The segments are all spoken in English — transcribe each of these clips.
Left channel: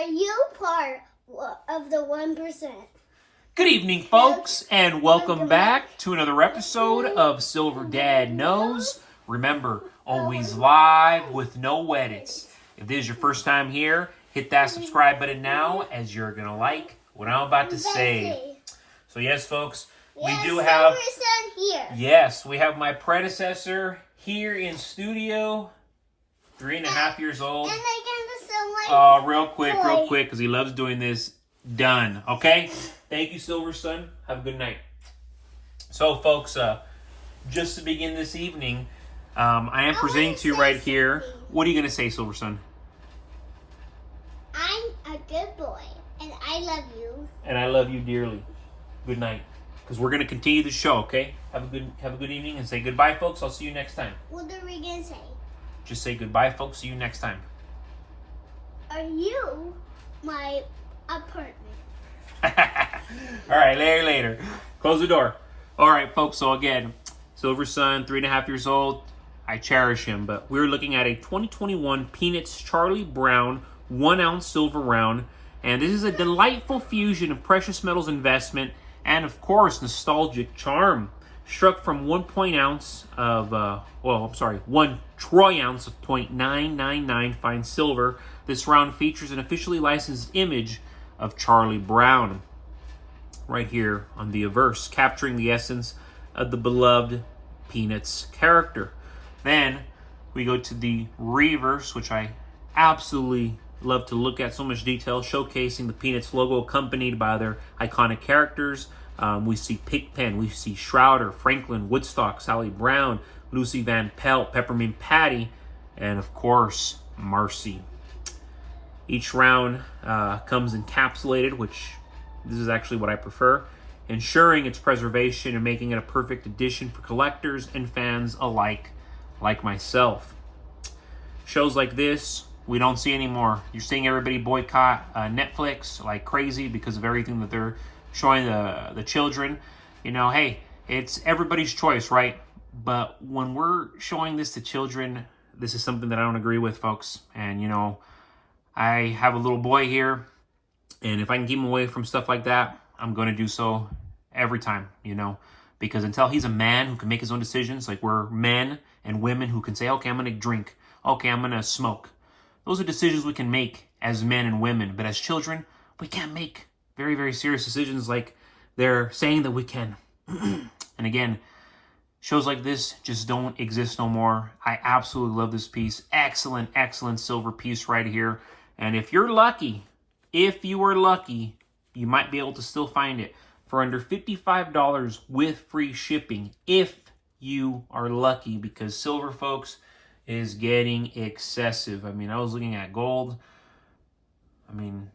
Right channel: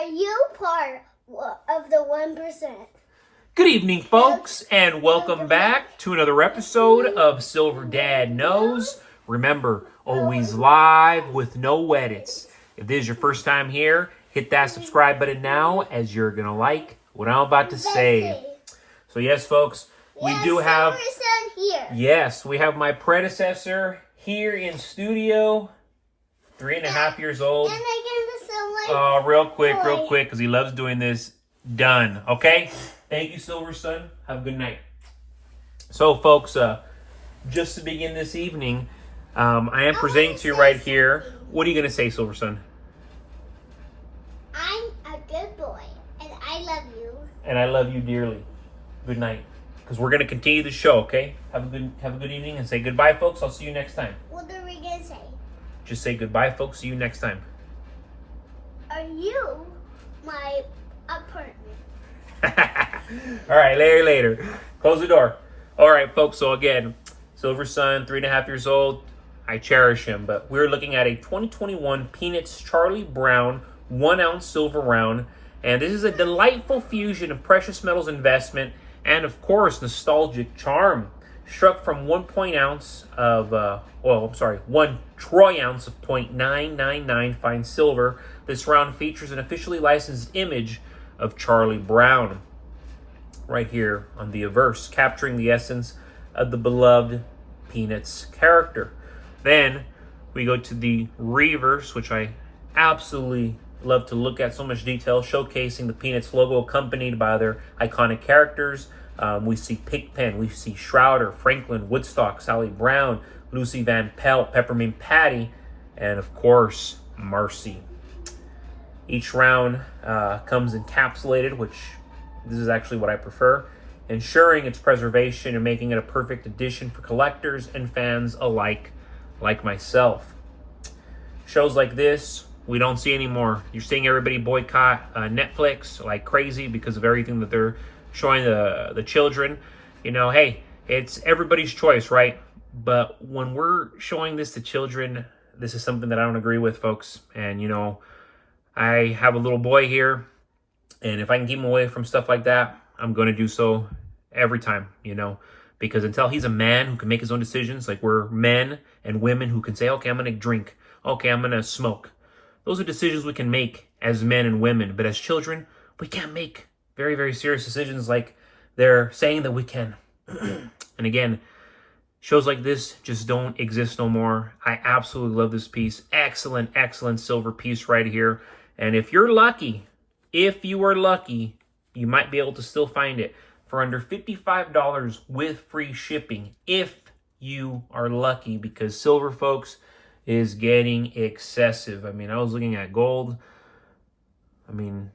Are you part of the 1%? Good evening, folks, and welcome back to another episode of Silver Dad Knows. Remember, always live with no edits. If this is your first time here, hit that subscribe button now, as you're going to like what I'm about to say. So yes, folks, we do have... Here. Yes, we have my predecessor here in studio, 3.5 years old. And I can still Real quick, because he loves doing this. Done. Okay? Thank you, Silver Sun. Have a good night. So, folks, just to begin this evening, I am presenting to you right here. What are you going to say, Silver Sun? I'm a good boy, and I love you. And I love you dearly. Good night. Because we're going to continue the show, okay? Have a good evening and say goodbye, folks. I'll see you next time. What are we going to say? Just say goodbye, folks. See you next time. Are you my apartment? All right, later. Close the door. All right, folks. So again, Silver Sun, 3.5 years old. I cherish him, but we're looking at a 2021 Peanuts Charlie Brown 1-ounce silver round, and this is a delightful fusion of precious metals investment and, of course, nostalgic charm. Struck from 1 ounce of 1 troy ounce of 0.999 fine silver. This round features an officially licensed image of Charlie Brown right here on the obverse, capturing the essence of the beloved Peanuts character. Then we go to the reverse, which I absolutely love to look at. So much detail, showcasing the Peanuts logo accompanied by their iconic characters. We see Pigpen, we see Shrouder, Franklin, Woodstock, Sally Brown, Lucy Van Pelt, Peppermint Patty, and of course, Marcy. Each round comes encapsulated, which this is actually what I prefer, ensuring its preservation and making it a perfect addition for collectors and fans alike, like myself. Shows like this, we don't see anymore. You're seeing everybody boycott Netflix like crazy because of everything that they're showing the children. You know, hey, it's everybody's choice, right? But when we're showing this to children, this is something that I don't agree with, folks. And, you know, I have a little boy here, and if I can keep him away from stuff like that, I'm going to do so every time, you know, because until he's a man who can make his own decisions, like we're men and women who can say, okay, I'm going to drink. Okay, I'm going to smoke. Those are decisions we can make as men and women, but as children, we can't make very, very serious decisions like they're saying that we can. And again, shows like this just don't exist no more. I absolutely love this piece. Excellent, excellent silver piece right here. And if you're lucky, you might be able to still find it for under $55 with free shipping if you are lucky, because silver, folks, is getting excessive. I mean, I was looking at gold. I mean,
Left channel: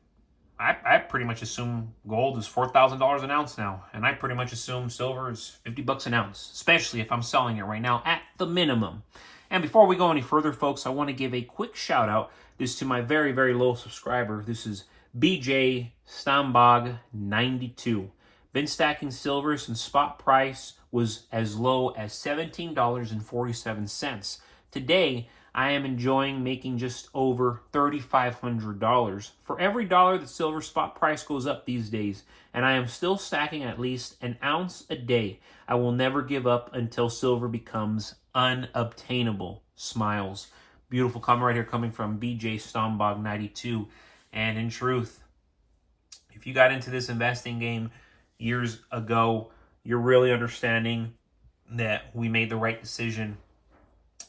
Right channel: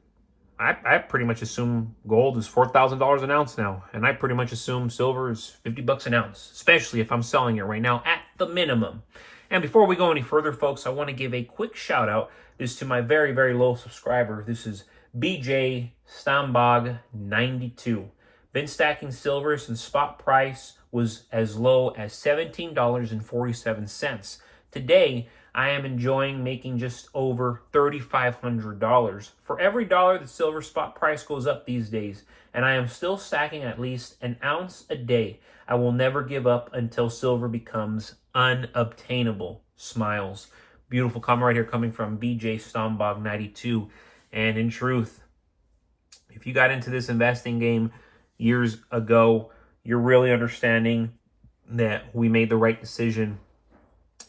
I pretty much assume gold is $4,000 an ounce now, and I pretty much assume silver is $50 an ounce, especially if I'm selling it right now at the minimum. And before we go any further, folks, I want to give a quick shout out. This to my very, very low subscriber. This is BJ Stambog 92. Been stacking silver since spot price was as low as $17.47. Today, I am enjoying making just over $3,500 for every dollar the silver spot price goes up these days, and I am still stacking at least an ounce a day. I will never give up until silver becomes unobtainable. Smiles. Beautiful comment right here coming from BJ Stombog 92. And in truth, if you got into this investing game years ago, you're really understanding that we made the right decision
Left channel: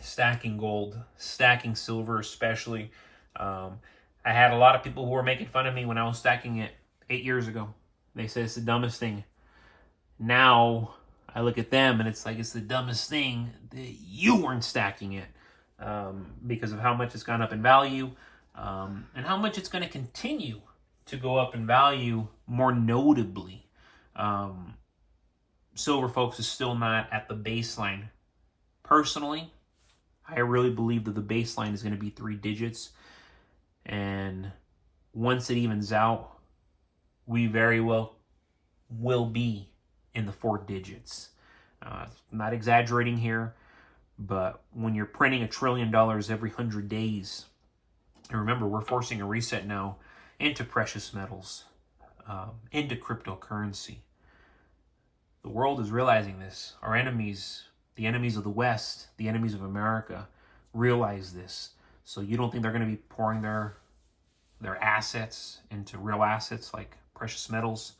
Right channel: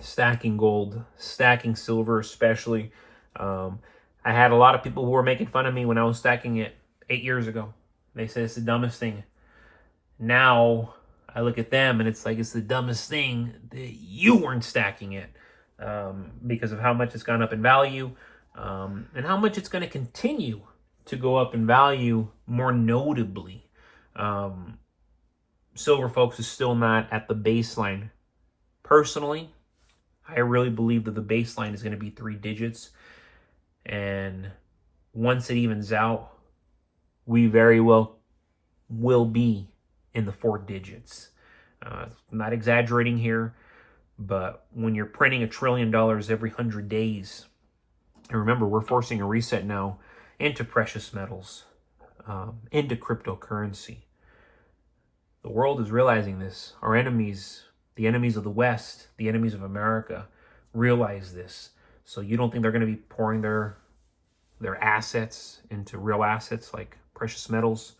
stacking gold, stacking silver especially. I had a lot of people who were making fun of me when I was stacking it 8 years ago. They said it's the dumbest thing. Now I look at them and it's like it's the dumbest thing that you weren't stacking it, because of how much it's gone up in value, and how much it's going to continue to go up in value more notably. Silver, folks, is still not at the baseline. Personally, I really believe that the baseline is going to be 3 digits. And once it evens out, we very well will be in the 4 digits. I'm not exaggerating here, but when you're printing $1 trillion every 100 days, and remember, we're forcing a reset now, into precious metals, into cryptocurrency. The world is realizing this. Our enemies, the enemies of the West, the enemies of America, realize this. So you don't think they're going to be pouring their assets into real assets like precious metals,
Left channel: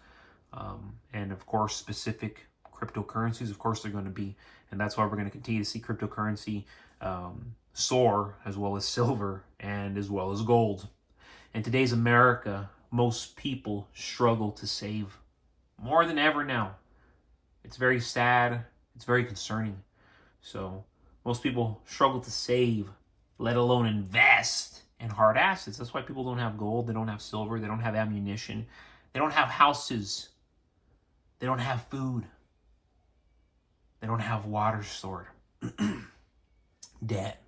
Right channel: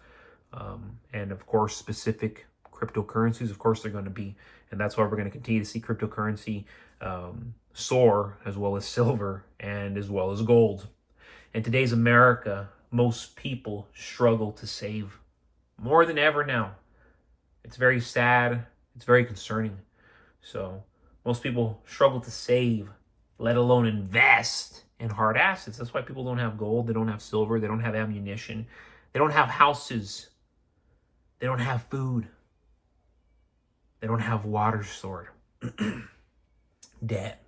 and of course specific cryptocurrencies? Of course they're going to be, and that's why we're going to continue to see cryptocurrency soar, as well as silver and as well as gold. In today's America, most people struggle to save more than ever now. It's very sad. It's very concerning. So most people struggle to save, let alone invest in hard assets. That's why people don't have gold. They don't have silver. They don't have ammunition. They don't have houses. They don't have food. They don't have water stored. Debt,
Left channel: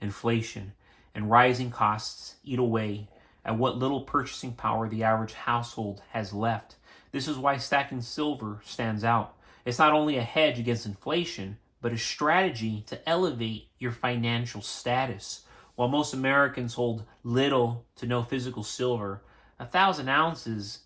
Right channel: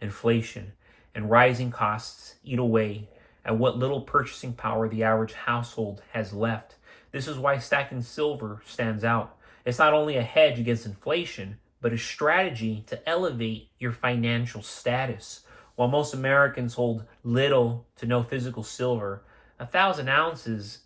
inflation, and rising costs eat away at what little purchasing power the average household has left. This is why stacking silver stands out. It's not only a hedge against inflation, but a strategy to elevate your financial status. While most Americans hold little to no physical silver, 1,000 ounces,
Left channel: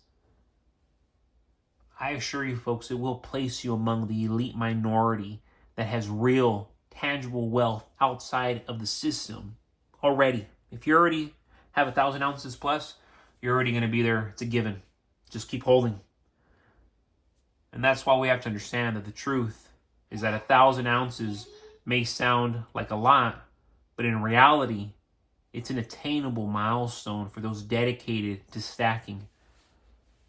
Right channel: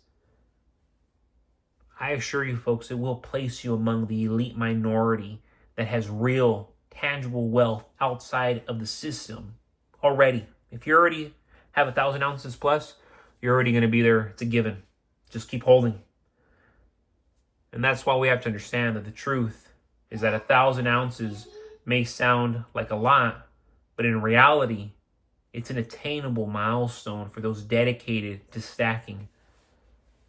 I assure you folks, it will place you among the elite minority that has real, tangible wealth outside of the system already. If you already have 1,000 ounces plus, you're already going to be there. It's a given. Just keep holding. And that's why we have to understand that the truth is that 1,000 ounces may sound like a lot, but in reality, it's an attainable milestone for those dedicated to stacking.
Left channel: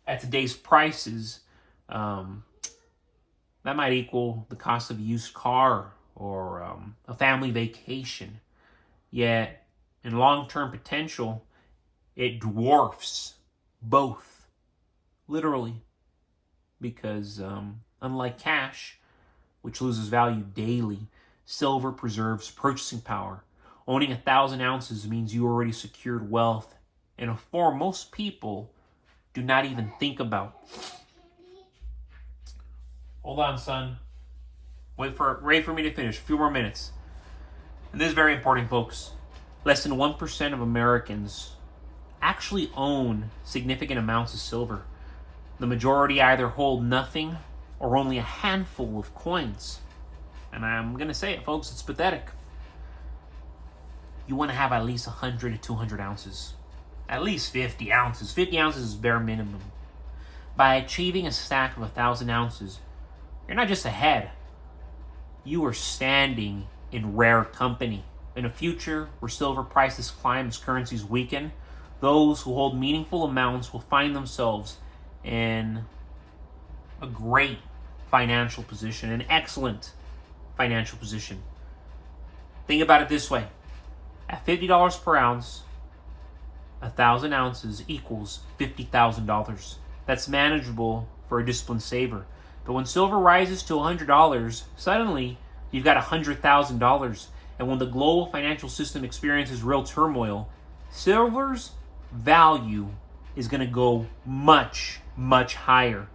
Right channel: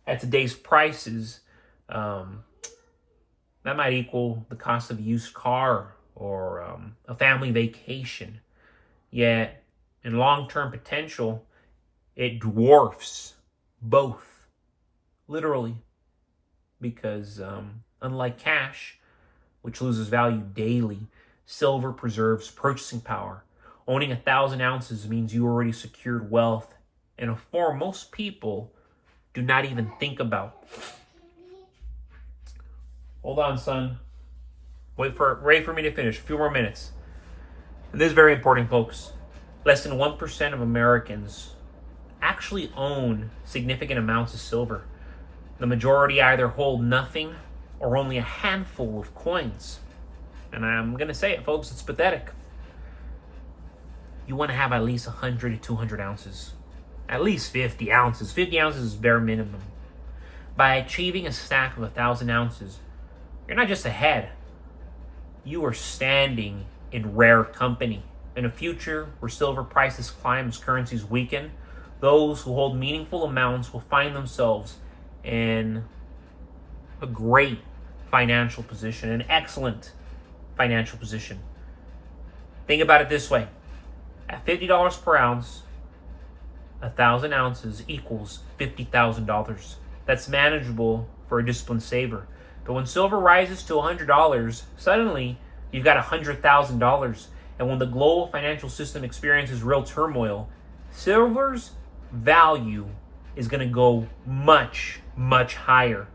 At today's prices, that might equal the cost of a used car or a family vacation. Yet, in long-term potential, it dwarfs both, literally. Because unlike cash, which loses value daily, silver preserves purchasing power. Owning 1,000 ounces means you already secured wealth in a form most people do not even think about. Hold on, son. Wait for me to finish. A few more minutes. And this is very important, folks. Less than 1% of Americans actually own significant amounts of silver. The majority either hold nothing or only a handful of coins. And I'm going to say it, folks, it's pathetic. You want to have at least 100 to 200 ounces. At least 50 ounces. 50 ounces is bare minimum. By achieving a stack of 1,000 ounces, you're not just ahead. You are standing in rare company. In a future where silver prices climb as currencies weaken, those who hold meaningful amounts will find themselves in a great financial position, an excellent financial position. Think about it this way. At $50 per ounce, 1,000 ounces equals $50,000. That's manageable for a disciplined saver. But when silver rises to $100, suddenly you've got $100,000. And when the global financial system experiences real turmoil, silver's value is going to go much, much higher.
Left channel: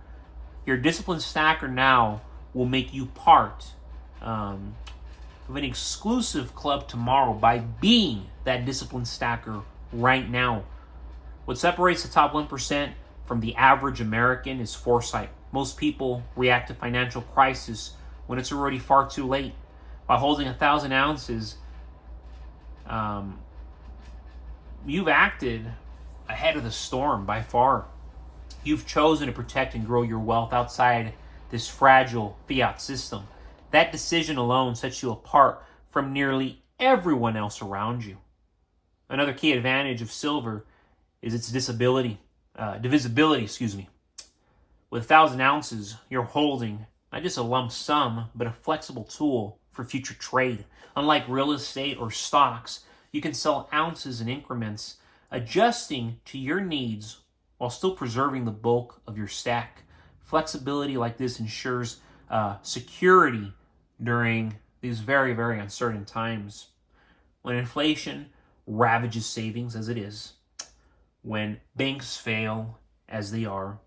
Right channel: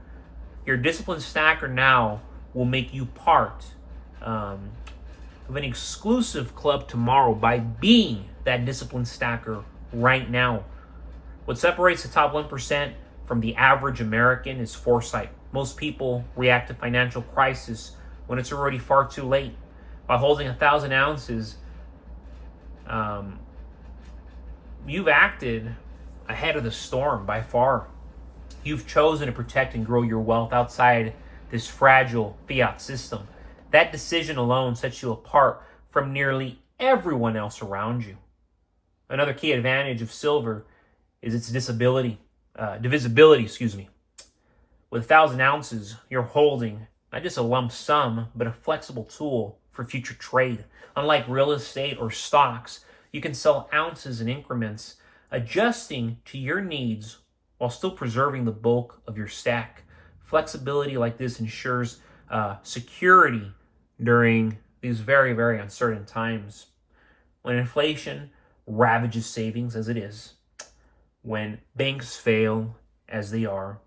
Your disciplined stacker now will make you part of an exclusive club tomorrow by being that disciplined stacker right now. What separates the top 1% from the average American is foresight. Most people react to financial crisis when it's already far too late. By holding 1,000 ounces, you've acted ahead of the storm by far. You've chosen to protect and grow your wealth outside this fragile fiat system. That decision alone sets you apart from nearly everyone else around you. Another key advantage of silver is its divisibility. With 1,000 ounces, you're holding not just a lump sum, but a flexible tool for future trade. Unlike real estate or stocks, you can sell ounces in increments, adjusting to your needs while still preserving the bulk of your stack. Flexibility like this ensures security during these very, very uncertain times. When inflation ravages savings, as it is, when banks fail, as they are,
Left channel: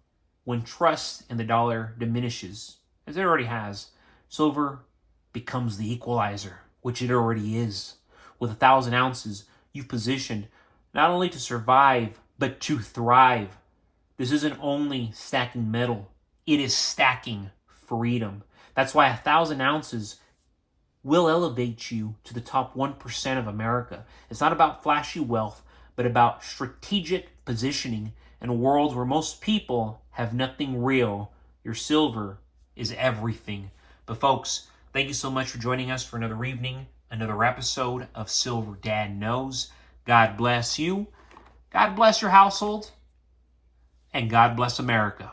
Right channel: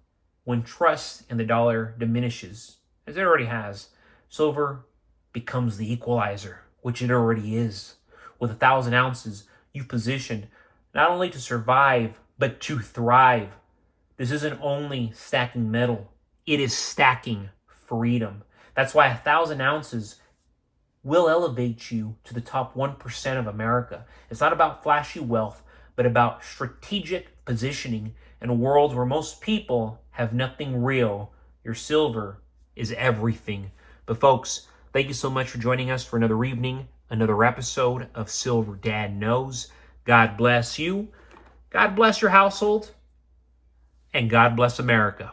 when trust in the dollar diminishes, as it already has, silver becomes the equalizer, which it already is. With 1,000 ounces, you've positioned not only to survive but to thrive. This isn't only stacking metal, it is stacking freedom. That's why 1,000 ounces will elevate you to the top 1% of America. It's not about flashy wealth, but about strategic positioning in a world where most people have nothing real. Your silver is everything. But folks, thank you so much for joining us for another evening, another episode of Silver Dad Knows. God bless you. God bless your household. And God bless America.